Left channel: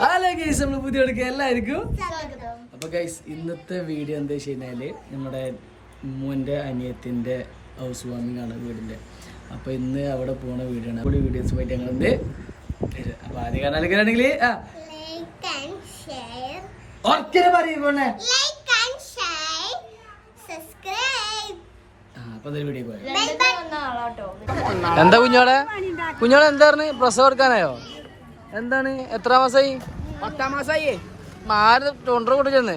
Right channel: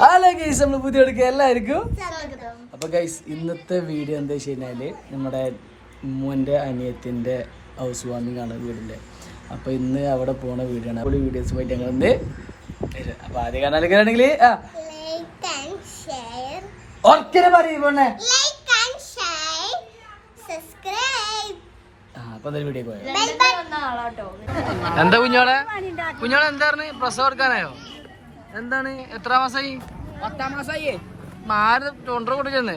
Hello guys നമ്മൾ പുതിയ എടുക്കുക എല്ലാവർക്കും അപ്പൊ ഗൈസ് ഇന്നത്തെ വീഡിയോ എന്താ വെച്ച് കഴിഞ്ഞാൽ നമ്മുടെ ഉമ്മന്റെ അനിയത്തിന്റെ ഹൗസ് വാമിംഗ് ആണ് വീടിന്റെ. അപ്പൊ ഇന്ന് അവിടെ പോണ വീഡിയോ ആണ്. അവിടെ വീഡിയോസ് പോയിട്ട് ഇന്ന് അപ്പൊ ആദ്യം കാണാനൊക്കെ ആണെങ്കിൽ ആ. പോയോ ബെൽ ബട്ടൺ എന്താ എന്തായിരുന്നു പ്രസവം എടുക്കാനായോ എന്താണ്? എത്ര മാസായി? പത്താം മാസായി മാറി ടൊണ്ടർ കൊടുക്കുന്നു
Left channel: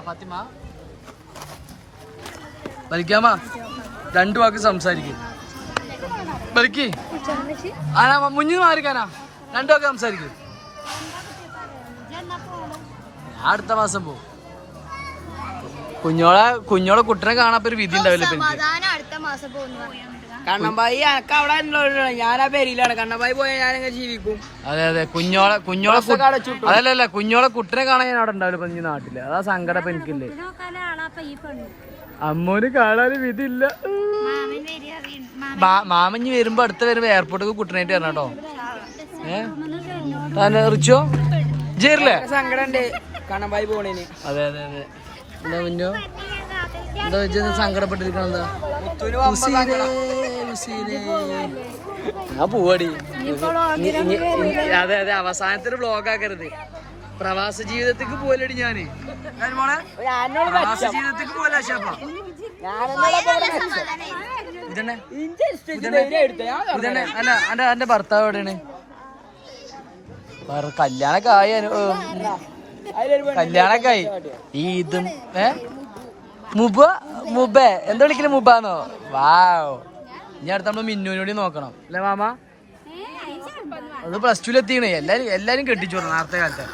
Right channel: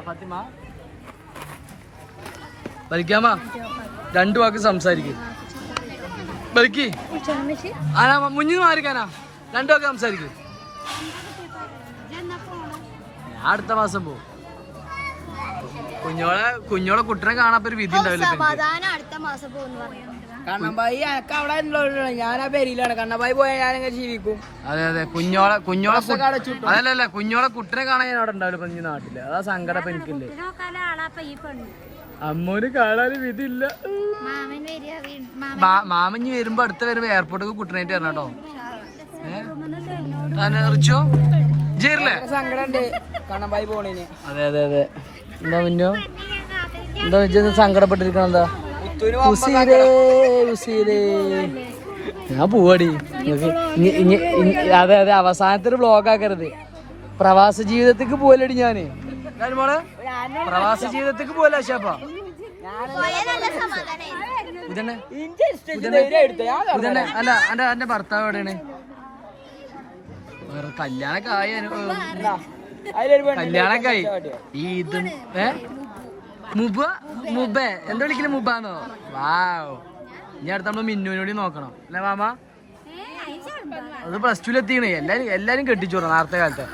ഫാത്തിമ. വലിക്കാമ രണ്ടു വാക്ക് സംസാരിക്കും. ബലിക്ക്. ആനാ മുന്നിൽ മാറിക്കാനാ? രണ്ടു വാക്ക് സംസാരിക്കും. ഞാൻ അടുത്ത മാസം പോവും. കുഞ്ഞോളെ കുഞ്ഞോളെ കുട്ടനെ കാണാൻ ഒരു വിധി ഉണ്ടാവില്ല സമാധാനം അടുത്ത മാസം പോകുന്നു പറഞ്ഞു കണ്ണമ്പായി എനക്ക് അവിടെ ഉള്ളതാണ് ഞാൻ ആ പേരിലാണ് കണ്ണമ്പായി പോയാൽ ഞാൻ ഇങ്ങനെ ജീവിക്കും. അതെ അതെ. കുഞ്ഞോളെ കുഞ്ഞോളെ. അതല്ല കുഞ്ഞോളെ കുട്ടനെ കാണാൻ ഞാൻ അവിടെ ഉണ്ടാവില്ല ഇപ്പൊ നാട്ടിൽ. അതാ സങ്കടം ഇപ്പൊ എനിക്കില്ലേ. അമ്മോന് കാണാൻ വിധിയില്ല മാമഞ്ഞ് വരുമ്പോ അടുത്ത് വരുമ്പോ എയർപോർട്ടിൽ കുട്ടനായിട്ട് വരണം കേട്ടോ. ഏഹ് റിച്ചോ? ജേറില്ലേ സങ്കടം ഉണ്ട്. കണ്ണമ്പായി പോണേന്. അതെ അതെ അതെ. എന്താ മിന്നു എന്താ വെച്ചാൽ സങ്കടപ്പെട്ടിരിക്കണം എന്താ. നിങ്ങൾ പോവാടി. അതെ അതെ അവസാനത്തെ ഒരു ബ്ലോഗ് ആക്കരുത്. പ്രവാസ ജീവിതത്തേക്ക് പോലടി ഞാൻ. മോളെ? പ്രവാസ ജീവിതത്തേക്ക് പോലെ അശാപ്പ ഇതന്നെ ഇതന്നെ ഇതന്നെ അല്ല എന്റെ എന്റെ ഭർത്താവ് എവിടെയാണ്? വേറെ കല്യാണൊക്കെ ആയി കല്യാണൊക്കെ ആയി. ഈ ഇതും ഏ? മുബ മുബ. എന്താ വിളിക്കൽ മുബാന്നോ? വാവ്. ഇനി അടുത്ത നമ്മൾ മിന്നുവിനോട് നോക്കണം. അല്ലേ മാമ? അത് പ്ലസ് ടുവിൽ എത്തിക്കണേ എല്ലാരും എല്ലാരും കെട്ടിച്ചു വിടണം നേരത്തെ കാലത്തെ.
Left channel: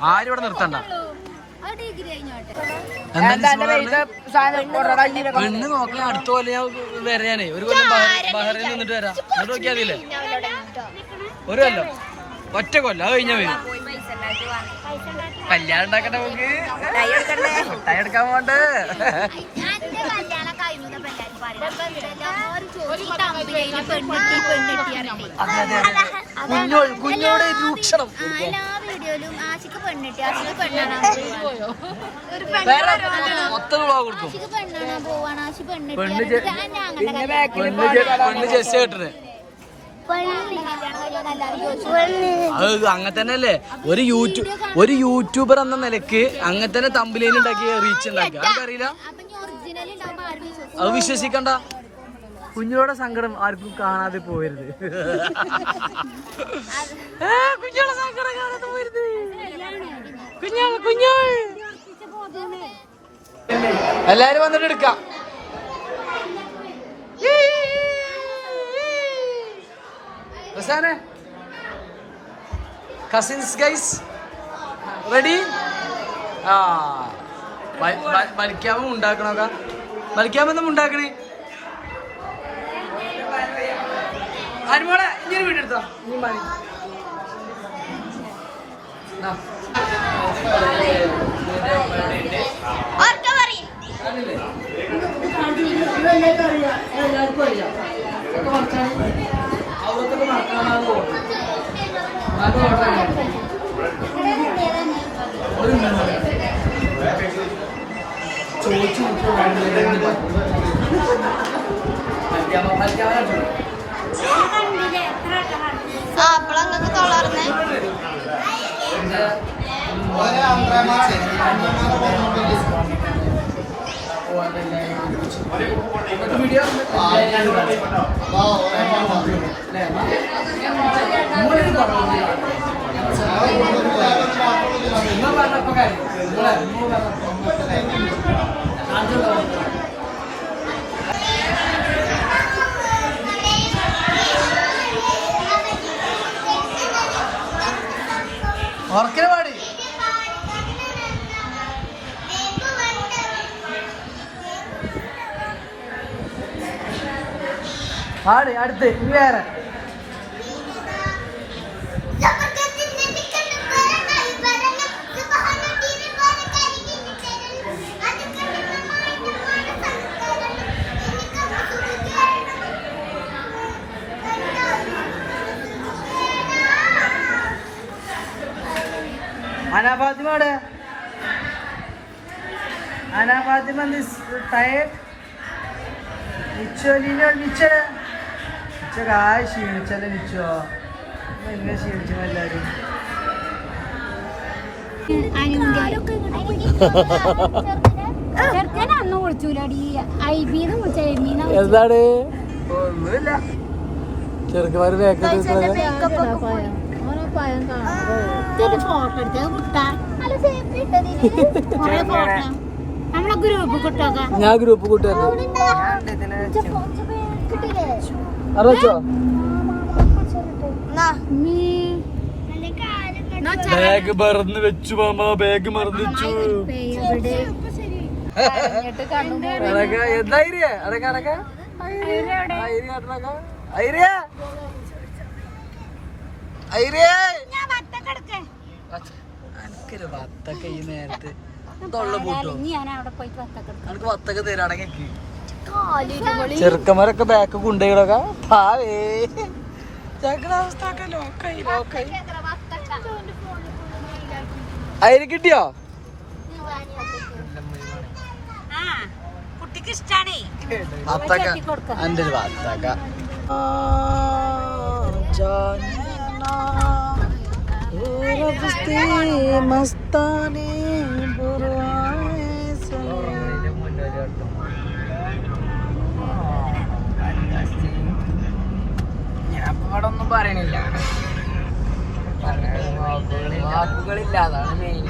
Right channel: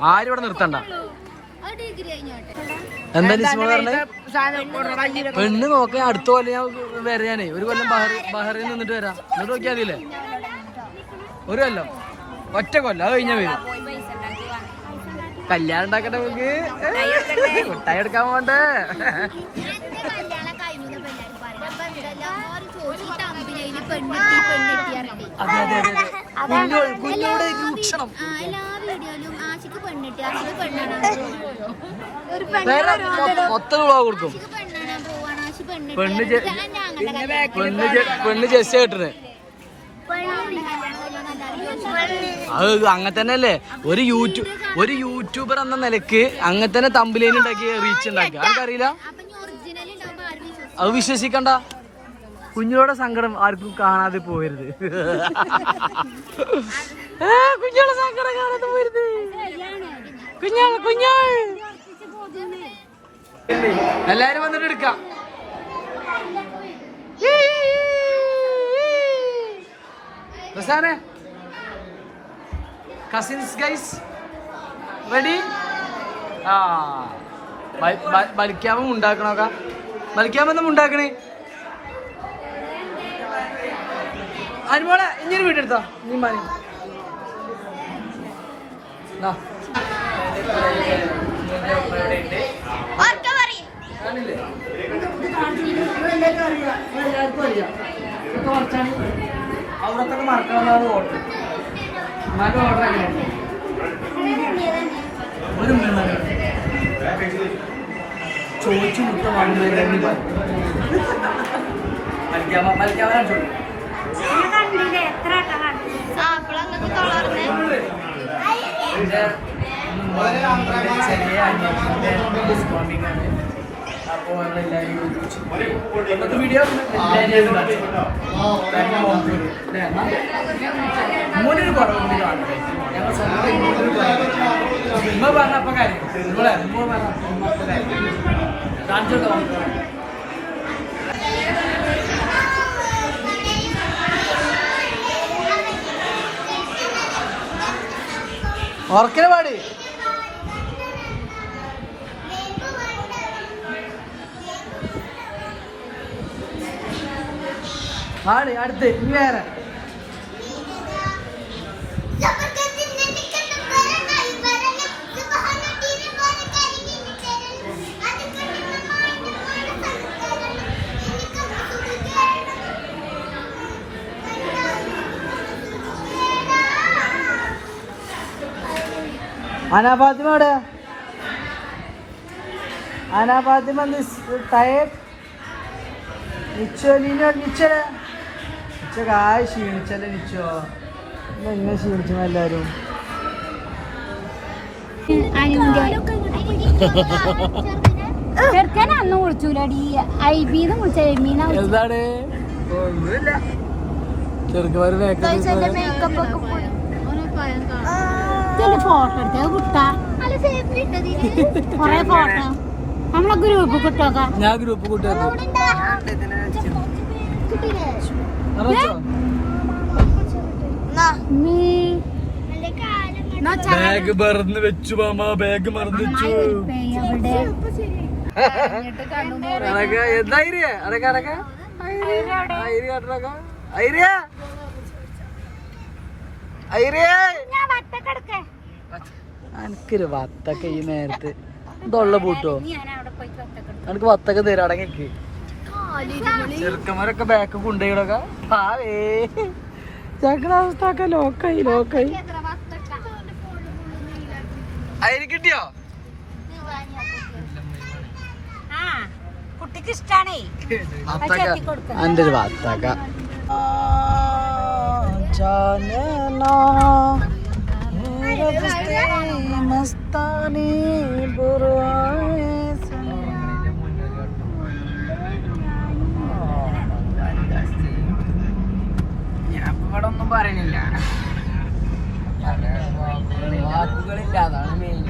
ആരും ഇവിടെ നിർത്തണ്ട. എന്താ ലിസ്മോൾ പറഞ്ഞേ? പെണ്ണ് നോക്ക അടുത്ത കൊല്ലം ഞാൻ വരാനേ ഒരു കൊല്ലം ബഹറി- ബഹറിൽ നിന്നിട്ട് വരാം. എന്നിട്ട് നോക്കിയാൽ മതിയില്ലേ? ഒരു കൊല്ലം. ഒറ്റ കൊല്ലം. അത് കഴിഞ്ഞാ വരും. കല്യാണം ഉണ്ടാക്കട്ടെ നമുക്ക്. മുട്ടായി എടുക്കാൻ പോണ്ടേ അതെ അതെ അതെ കുഞ്ഞോടെ രൂക്ഷണം ആ എല്ലാ വീഡിയോയിലും ആശിക്ക് പെണ്ണെട്ടി ആശിക്ക് പെണ്ണാണ് ഒരു വേറെ മൊത്തം- മൊത്തം വ്ളോഗ് കൊടുക്കും. പെണ്ണ് ജസ്റ്റ് കേട്ടിട്ട് പെണ്ണ് അത് അങ്ങനെ തന്നെ അല്ലേ ഒരു യൂട്യൂബ് ഒരു യൂട്യൂബർ എന്ന നിലയ്ക്ക് അങ്ങനെ തന്നെ തമ്പിലേന് ഉണ്ടാക്കി റീച്ച് ഉണ്ടാക്കി. ആർക്കറിയില്ല? അത് വിശ്വസിക്കണ്ട. കുഞ്ഞുങ്ങളുടെ സങ്കടം ആർക്കും കാണാതെ പോകരുത് ഏ, കുഞ്ഞുങ്ങളുടെ സങ്കടം കാണാതെ പോകരുത് കുഞ്ഞാ കുഞ്ഞാ. എല്ലാരും വന്നിട്ട് എടുക്കാം. റസാനെ കസിൻസ് ഗൈസ് റെഡി ആ. വലിക്കാമ ഉണ്ടാക്കണോക്ക വലിക്കാമെന്നും ഉണ്ടാക്കണേ അനുമോളെ ഇങ്ങനെ എല്ലാവർക്കും അറിയാം. അവിടത്തൊക്കെ മറക്കാനാണ് ഓർഡർ എന്നാലും ഓർഡർ ആയിരുന്നു ഒരു മിനിറ്റ് ചോദിച്ചു വാങ്ങുന്നതിന് മലിക്കാമ കാണിച്ചു ആ തൊളർന്നേ ചെറിയ സ്വാമിക്കാണ്. അപ്പോൾ എല്ലാവരും ഒരുമിച്ച് ഇന്നത്തെ വീഡിയോ എല്ലാവരും കാണിച്ചു? മോനൊരു കുറവുണ്ട് കാണുന്നത് ഞങ്ങൾ സ്വന്തം മോനൊരു കുറവുണ്ട് ഉമ്മ പറഞ്ഞപ്പോ കാര്യം നമ്മളെ ഉമ്മ പറഞ്ഞപ്പോ ഉമ്മ അപ്പൊ കാര്യം കാണിച്ചോട്ടോ നമുക്ക് ഓർക്കനെ പാടി പാടി അടുത്ത് ഇനി വേറെ. അനാഫാത്തിമ എവിടെ? അനാഫാത്തിമ ടയർഡ് നിച്ചോ നീനോ നിച്ചോ നിച്ചോ കായ് ക്ഷീണിച്ചല്ലേ നിച്ചോ? എന്നെ ക്ഷീണിച്ചു എല്ലാരും. എന്താണ്? ഒന്നുമില്ല. മേക്കപ്പ് ഒക്കെ പോയി. ഫോട്ടോ എടുത്തത് കുട്ടാ കൊറേ ഫോട്ടോ നമ്മളെ ഗ്രൂപ്പ് കിട്ടോക്കാം ഞാൻ ഗ്രൂപ്പ് കൂട്ടുകാർക്ക് അറിയിച്ചോ ബാഗ് മറന്ന് വെച്ചു മാമ ബാഗ് മറന്ന് വെച്ചു. അതൊക്കെ എന്താ ഐരിയ? അതൊക്കെ അതൊക്കെ? ഐരിയ അതൊക്കെ ഐരിയ ഐരിയ? എനിക്കൊരു വത്തക്ക ഈ നേരത്ത്. ഇതുള്ള പൂട്ടോ? ഞാൻ അവിടെ പോയി കത്തക്കെടുത്തു എനിക്ക് വത്തക്ക തരാടങ്ങക്ക് ചെറുക്കന്മാരൊക്കെ ബാക്ക് കൊണ്ടുപോയിടൊക്കെ പാവേ. ഞങ്ങളുടെ അവസ്ഥ ഒക്കെ ലോക്കായി. ലോക്കായി അതിന് കിട്ടിയോ? കുട്ടിക്ക് ഇഷ്ടാണേ. വത്തക്ക. എന്റെ ഒരു വത്തക്ക. ആ, ജാനനാ, ഊരഫസ്തി മസ്താനി പുറവായ ഞാൻ ഇവിടെ ഒന്നും പറയണില്ല. വാക്കുകളില്ല അതാണ് മെയിൻ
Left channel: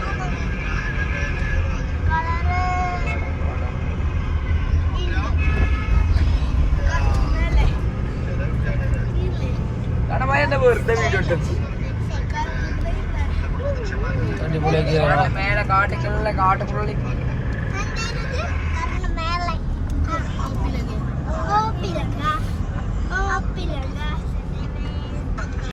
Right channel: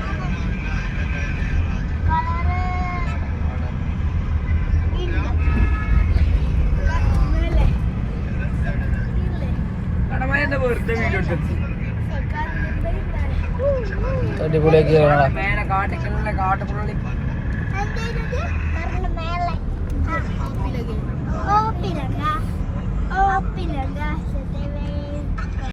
മേലെ കാട്ടിക്കുള്ള കാട്ടുപുള്ളി ഓപ്പിലങ്ങ ഓപ്പിലങ്ങ